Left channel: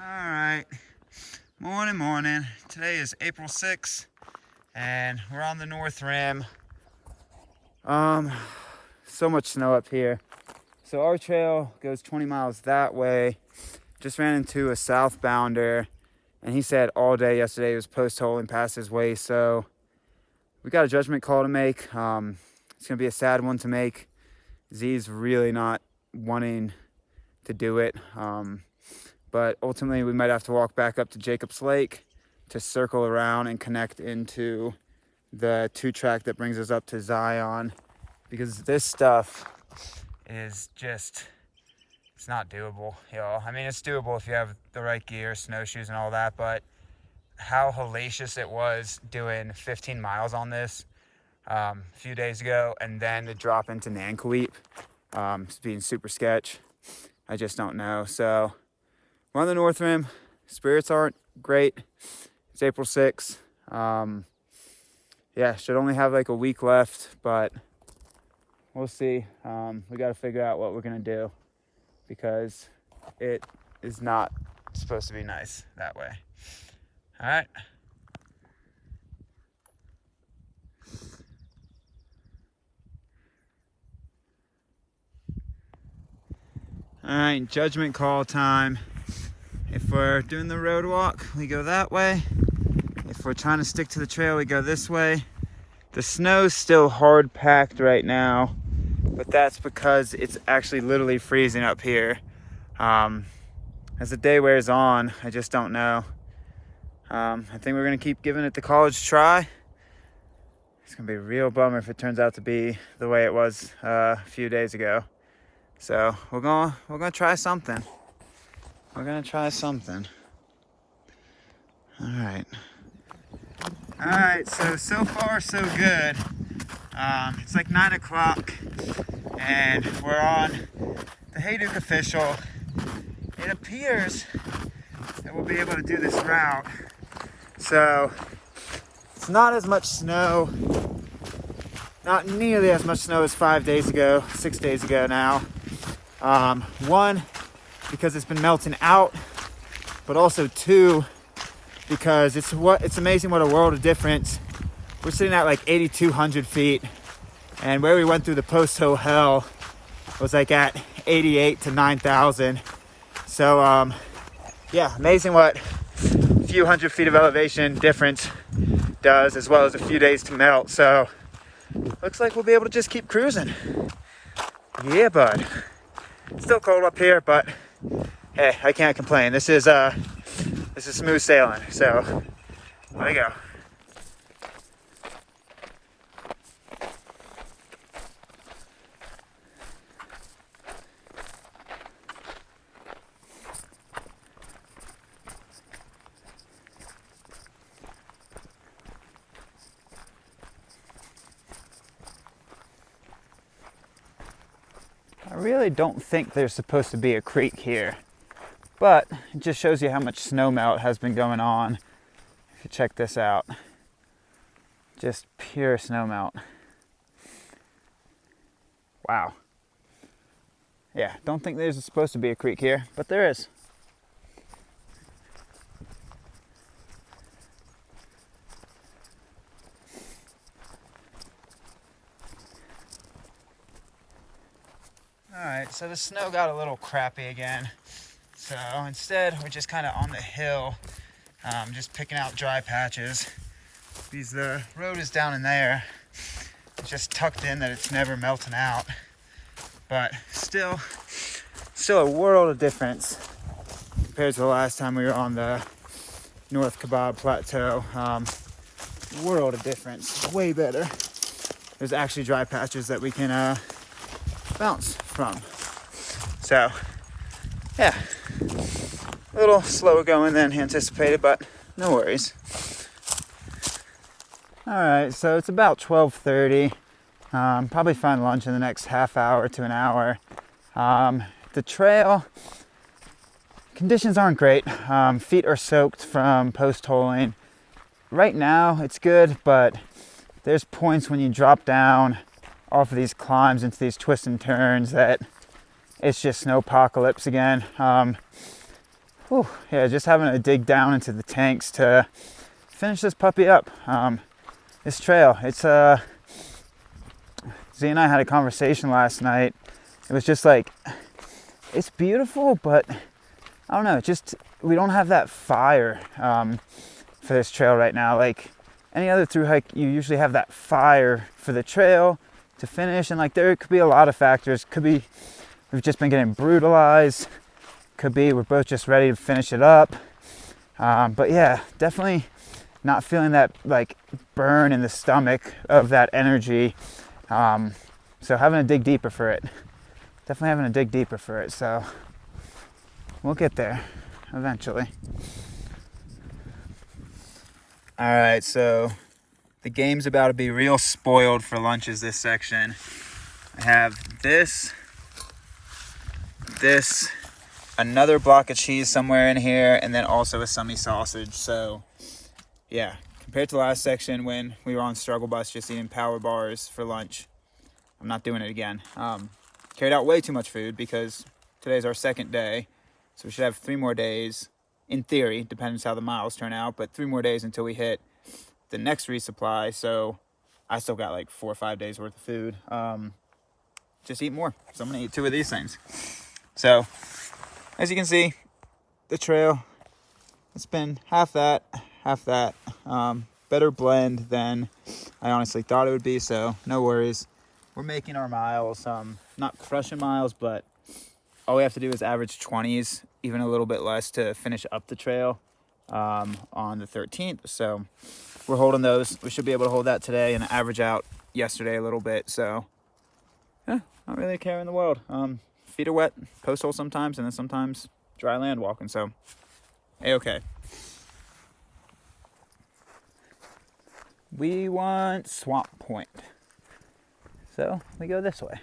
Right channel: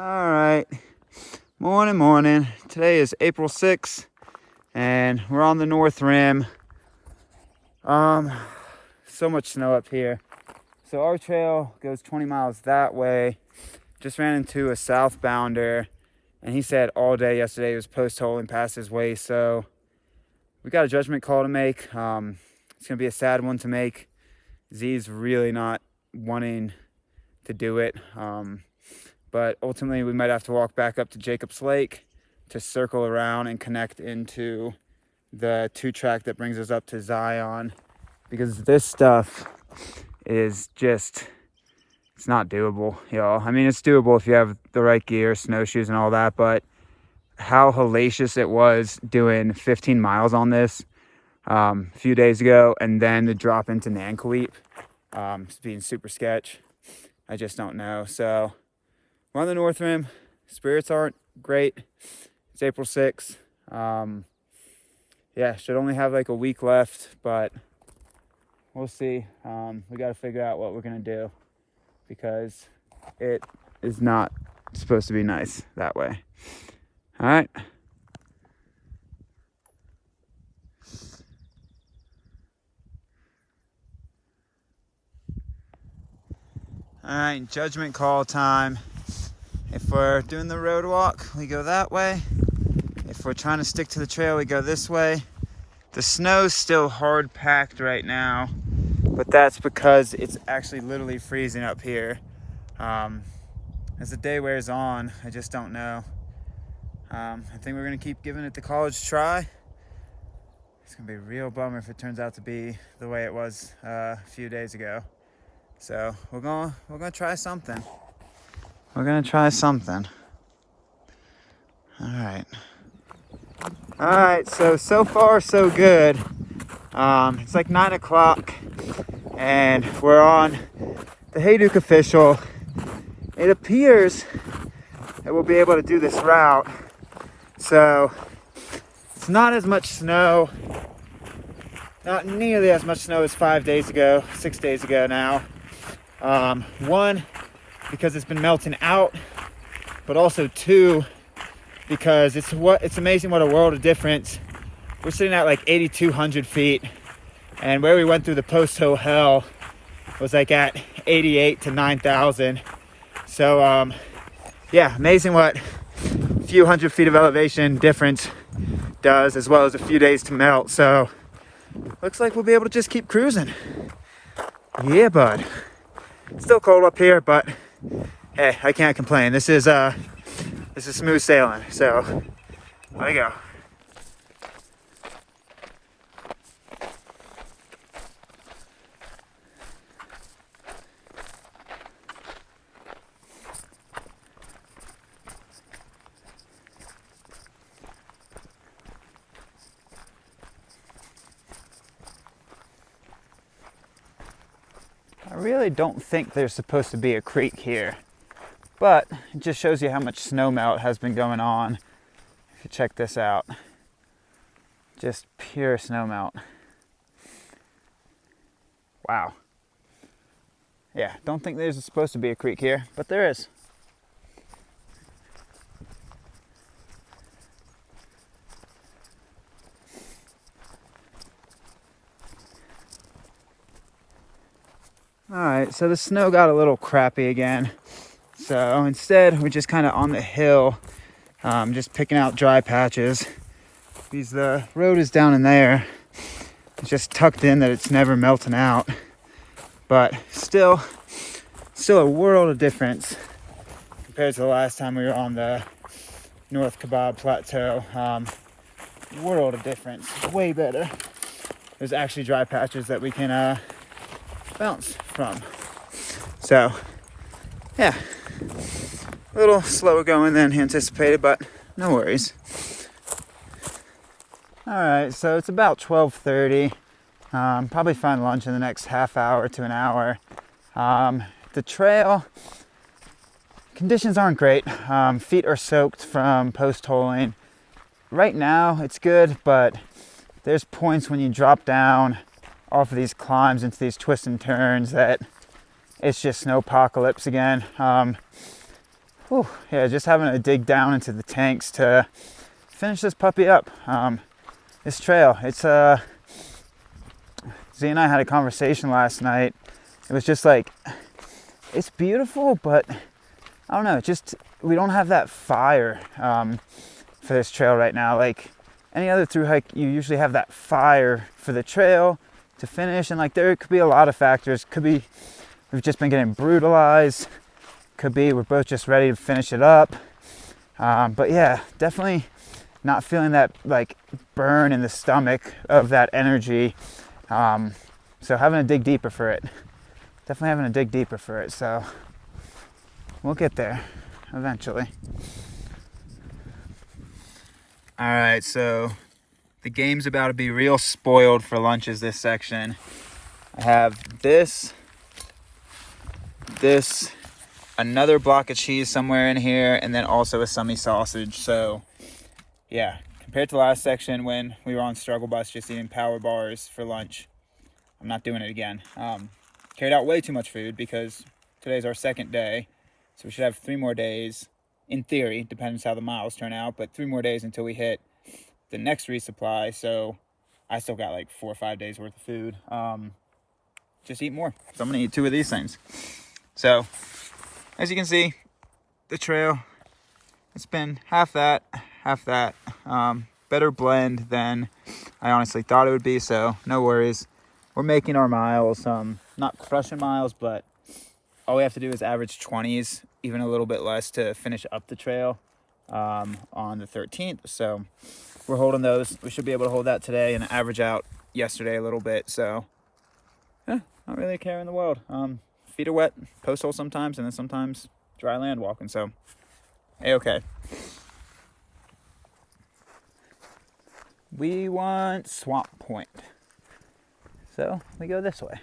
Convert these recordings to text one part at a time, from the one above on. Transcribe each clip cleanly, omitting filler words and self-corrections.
All right, morning. Today is April 6th, and we're on the North Rim. So much snow up here. So our trail goes 20 miles that way. Just ran into a southbounder, and he said all day yesterday he was post-holing past his waist. So we got a judgment call to make. It's gonna be a sad one to make. Z's really not wanting to do it. But ultimately we might have to walk back up to Jacob's Lake to circle around and connect into the 2-track that brings us up to Zion, because this stuff is just, it's not doable, y'all. I mean, it's doable if you have the right gear, snowshoes and all that, but how hellacious it was doing 15 miles on this a few days ago, and then the drop into Nanqualeep, being super sketch. I just don't know. So we're on the North Rim. Spirits aren't great. It's April 6th. Yeah, should only have like a week left, but we'll see. We got to figure out what we're going to do, because it is not supposed to be nice that way. All right. All right, judgment call time. If we're doing the road walk, we go that way. If we're trying to stick to the trail, we go this way. The snow's still hard packed right now, but that's because it's actually literally freezing up here. As the day wears on, I just don't know. I think we're gonna keep giving it the college try. It's gonna be a real bummer if it turns out to be the way it was a few days ago. So we're gonna try something. We're gonna try something. All right, so far so good. It's like 9 o'clock and we're on the Hayduke official. It appears that we'll be able to do this route. So it's not as much snow, not nearly as much snow as 5 days ago, 6 days ago now. One, because it's been melting out, but also two, because it's amazing what a world of difference. We're sitting at like 8,200 feet, and where we went through the post-hole hell was like at 88 to 9,000. So yeah, amazing what a few hundred feet of elevation difference does, as well as a few days to melt. So looks like we'll be able to just keep cruising. Yeah, bud. Still cold up here, but hey, I can't complain. This is smooth sailing. So there you go. I really don't think there's supposed to be a creek here, but it just shows you how much snow melt has been going on. If you check this out, just pure snow melt. Wow. Yeah, don't think there's supposed to be a creek here, but there is. Alright, so the snow got a little crappy again. So instead, we're just kind of on the hill, just picking out dry patches. The road is down in there. It's just tucked in that it's never melting out. But still a world of difference compared to the last time we were on the North Kebab Plateau. World of difference. It's way better. There's actually dry patches that we can bounce from. So yeah, a little slower going than anticipated, but no worries. All right, so it's about 12:30. Probably find lunch in the next half hour to an hour. The trail conditions aren't great. Feet are soaked from post-holing. Right now it's good, but there's points when you drop down off of these climbs into these twists and turns that it's just snowpocalypse again. Whew, yeah, just having to dig down into the tanks to finish this puppy up. This trail, it's Z and I had a conversation last night. It was just like, it's beautiful, but I don't know, just we don't have that fire for this trail right now. Like any other through hike, you usually have that fire for the trail to finish, and like there could be a lot of factors. Could be we've just been getting brutalized. Could be we're both just ready to finish it up. But yeah, definitely not feeling that like burn in the stomach of that energy. So having to dig deeper for it. Definitely having to dig deeper for it. So we'll get there eventually. All right, so the game's about to be real spoiled for lunches this section. I have this, another block of cheese somewhere in here, and then also a semi sausage. So yeah, compared to last section when we were on struggle bus just eating power bars for lunch, I'm not doing it again. Carried out way too much food because today's our second day, so we should have 3 more days in theory, depends how the miles turn out, but 3 more days until we hit the next resupply. So I still got like 4 or 5 days worth of food. Just eat more. So I'm gonna eat 2 of these things. So as you can see, the trail, it's been half that. Better blend than I honestly thought it would be, so no worries. We're making our miles, not crushing miles, but all we have to do is average 20s, even a little bit less, to finish up the trail on the 13th. So we're holding those. We should be able to hold that today and average out yesterday a little bit. So yeah, not really a care in the world. Feet are wet, post hole sometimes, and then sometimes dry land walking. So A-okay. We want Swamp Point. So we go this way.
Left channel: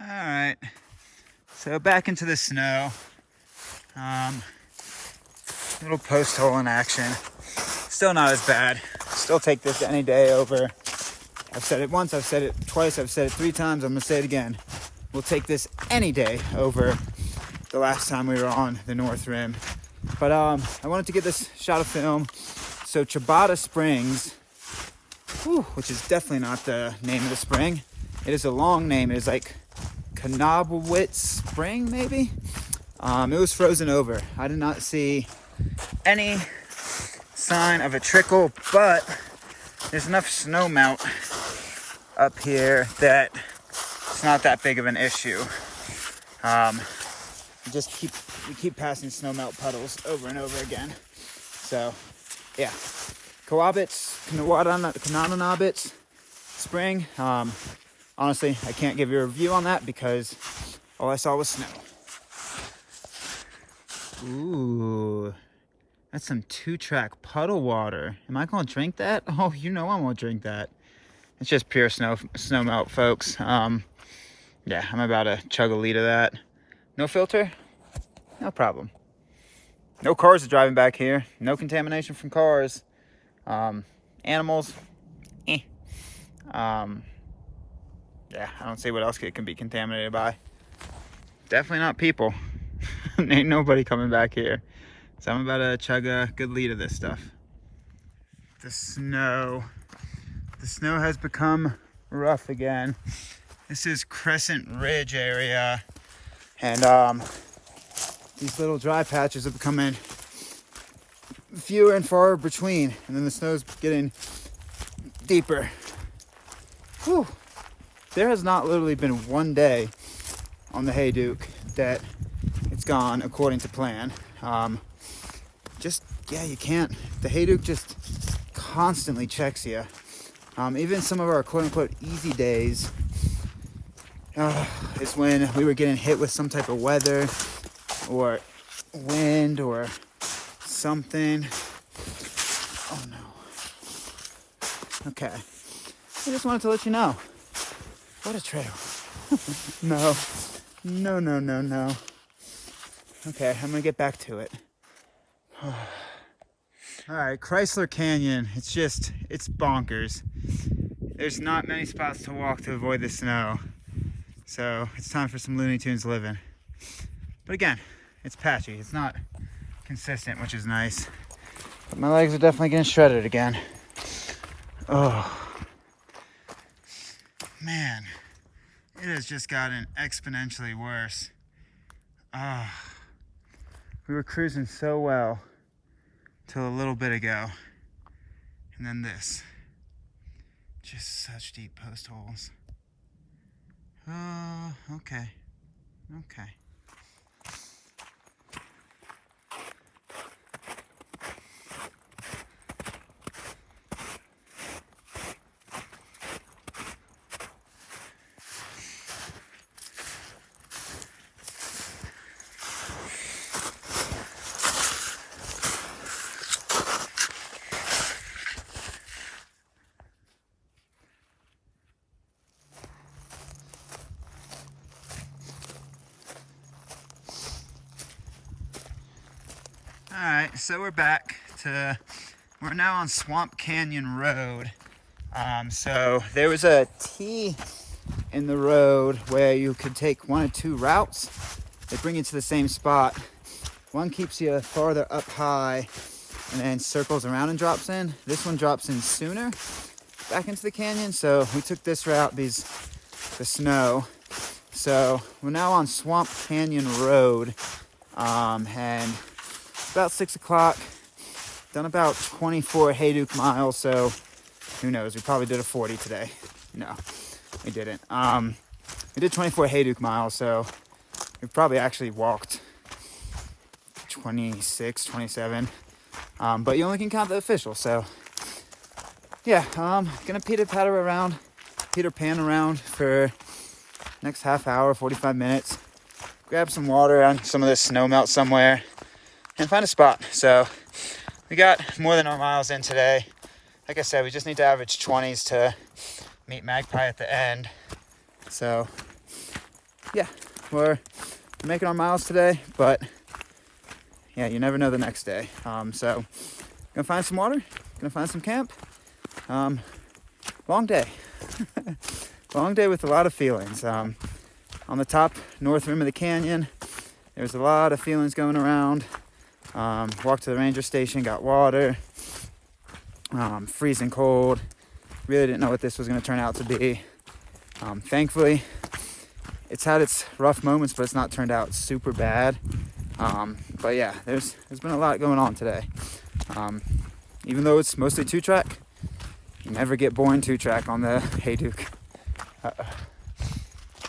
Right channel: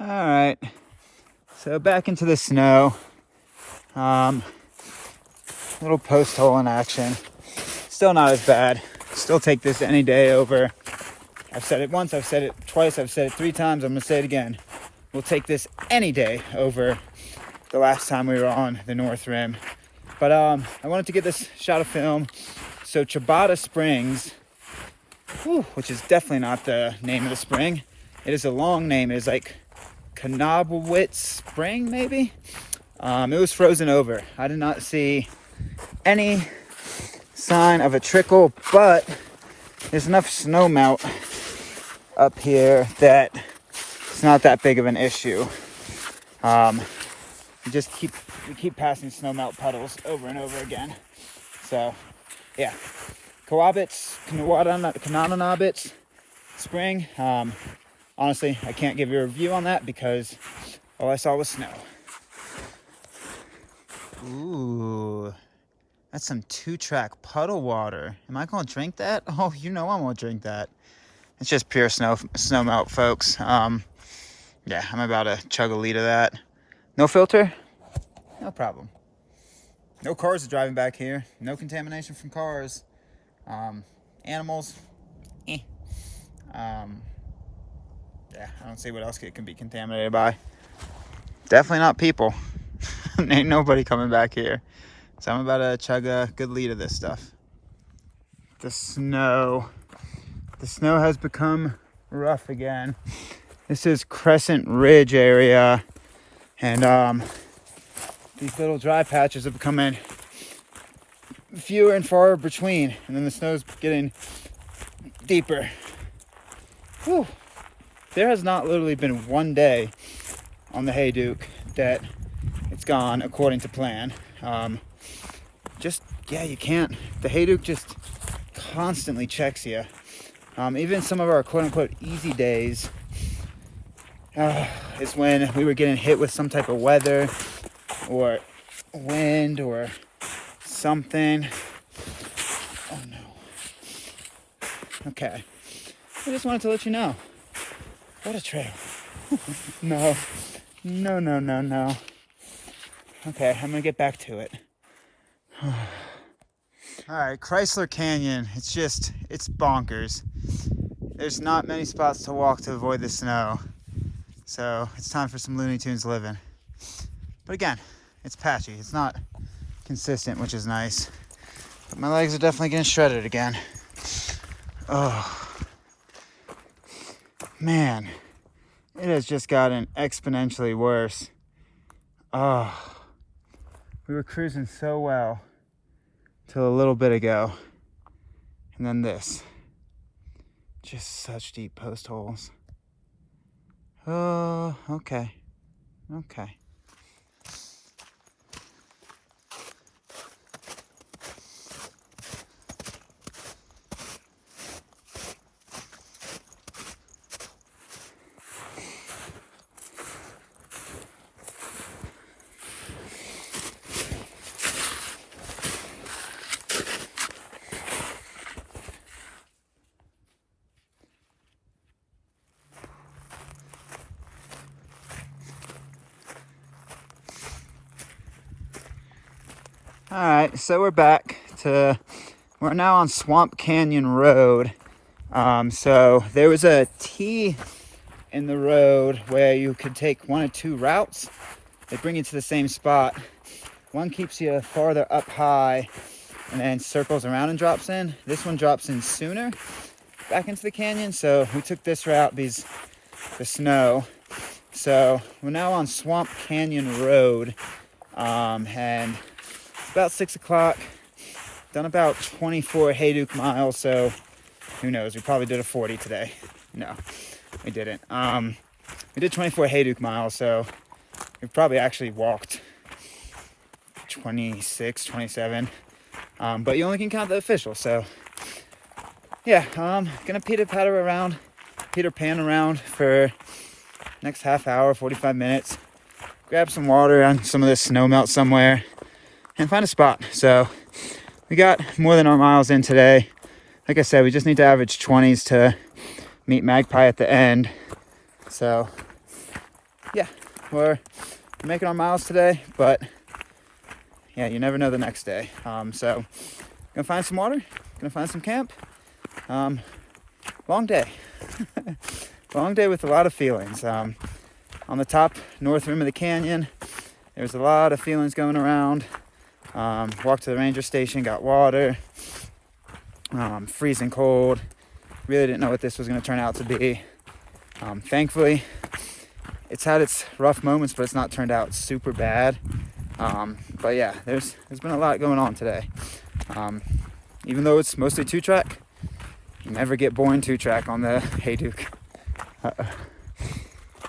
All right, so back into the snow. Little post hole in action. Still not as bad. Still take this any day over. I've said it once, I've said it twice, I've said it 3 times, I'm gonna say it again. We'll take this any day over the last time we were on the North Rim. But I wanted to get this shot of film. So Ciabatta Springs, which is definitely not the name of the spring. It is a long name. It is like Knobowitz Spring, maybe? It was frozen over. I did not see any sign of a trickle, but there's enough snow melt up here that it's not that big of an issue. We keep passing snow melt puddles over and over again. So yeah, Kananabitz Spring. Honestly, I can't give you a review on that because all I saw was snow. Ooh, that's some 2-track puddle water. Am I gonna drink that? Oh, you know I'm gonna drink that. It's just pure snow melt, folks. Yeah, I'm about to chug a liter of that. No filter, no problem. No cars are driving back here. No contamination from cars. Animals, yeah, I don't see what else it can be contaminated by. Definitely not people. Ain't nobody coming back here. So I'm about to chug a good liter of this stuff. The snow has become rough again. This is Crescent Ridge area, and these little dry patches are becoming fewer and far between, and then the snow's getting deeper. Whew. There has not literally been one day on the Hayduke that it's gone according to plan. You can't. The Hayduke just constantly checks you. Even some of our quote-unquote easy days is when we were getting hit with some type of weather or wind or something. Oh no. Okay. I just wanted to let you know. What a trail. No. Okay, I'm gonna get back to it. All right, Chrysler Canyon. It's bonkers. There's not many spots to walk to avoid the snow. So it's time for some Looney Tunes living. But again, it's patchy. It's not consistent, which is nice. But my legs are definitely getting shredded again. Oh, man. It has just gotten exponentially worse. Oh, we were cruising so well till a little bit ago. And then this. Just such deep post holes. Oh, okay. Okay. All right, so we're now on Swamp Canyon Road. So there was a T in the road where you could take one of two routes. They bring you to the same spot. One keeps you farther up high and then circles around and drops in. This one drops in sooner back into the canyon. So we took this route because the snow. So we're now on Swamp Canyon Road, and about 6 o'clock, done about 24 Hayduke miles, so who knows, we probably did a 40 today. No, we didn't. We did 24 Hayduke miles, so we probably actually walked 26, 27, but you only can count the official, so yeah, gonna Peter Pan around for next half hour, 45 minutes, grab some water and some of this snow melt somewhere, and find a spot. So we got more than our miles in today. Like I said, we just need to average 20s to meet Magpie at the end. So yeah, we're making our miles today, but yeah, you never know the next day. So gonna find some water, gonna find some camp. Long day. Long day with a lot of feelings. On the top north rim of the canyon, there's a lot of feelings going around. Walked to the ranger station, got water, freezing cold. Really didn't know what this was going to turn out to be. Thankfully, it's had its rough moments, but it's not turned out super bad. But yeah, there's been a lot going on today. Even though it's mostly 2-track, you never get boring 2-track on the Hayduke.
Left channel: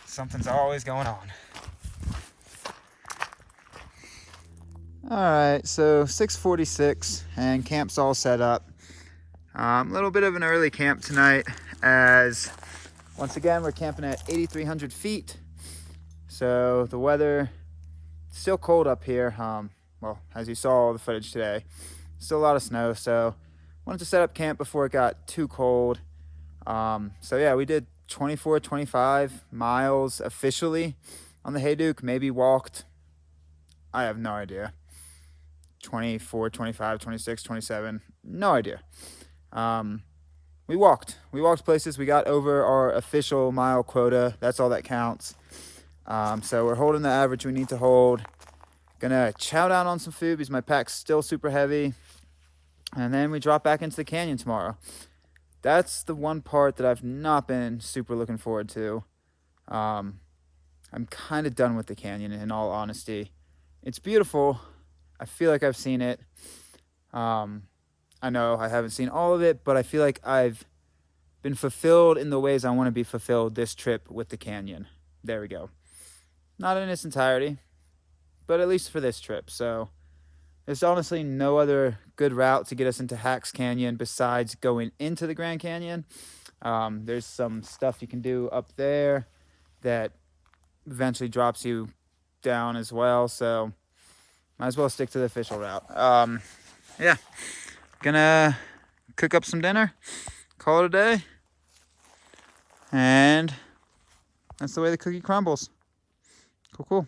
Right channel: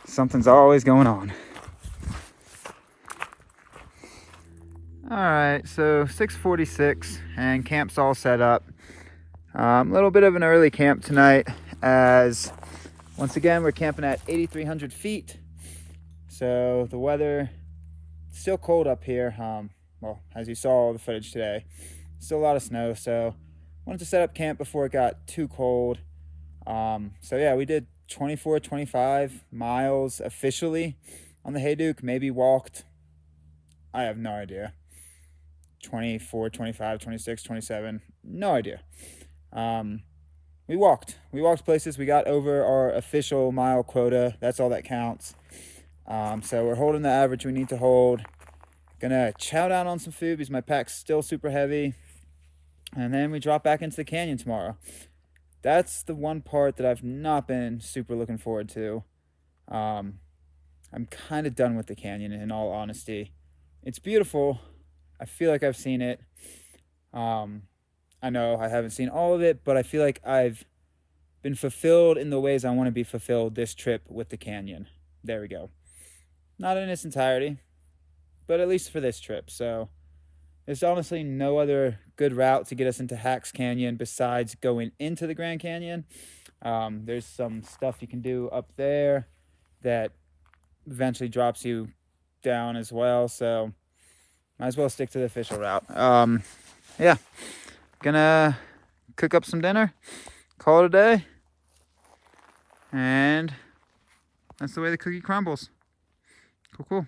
Something's always going on. All right, so 6:46 and camp's all set up. A little bit of an early camp tonight, as once again we're camping at 8,300 feet. So the weather still cold up here. Well, as you saw all the footage today, still a lot of snow. So wanted to set up camp before it got too cold. So yeah, we did 24, 25 miles officially on the Hayduke. Maybe walked, I have no idea. 24, 25, 26, 27, no idea. We walked places. We got over our official mile quota. That's all that counts. So we're holding the average we need to hold. Gonna chow down on some food because my pack's still super heavy. And then we drop back into the canyon tomorrow. That's the one part that I've not been super looking forward to. I'm kind of done with the canyon, in all honesty. It's beautiful. I feel like I've seen it. I know I haven't seen all of it, but I feel like I've been fulfilled in the ways I want to be fulfilled this trip with the canyon. There we go. Not in its entirety, but at least for this trip. So there's honestly no other good route to get us into Hacks Canyon besides going into the Grand Canyon. There's some stuff you can do up there that eventually drops you down as well. So might as well stick to the official route. Yeah, gonna cook up some dinner, call it a day, and that's the way the cookie crumbles. Cool.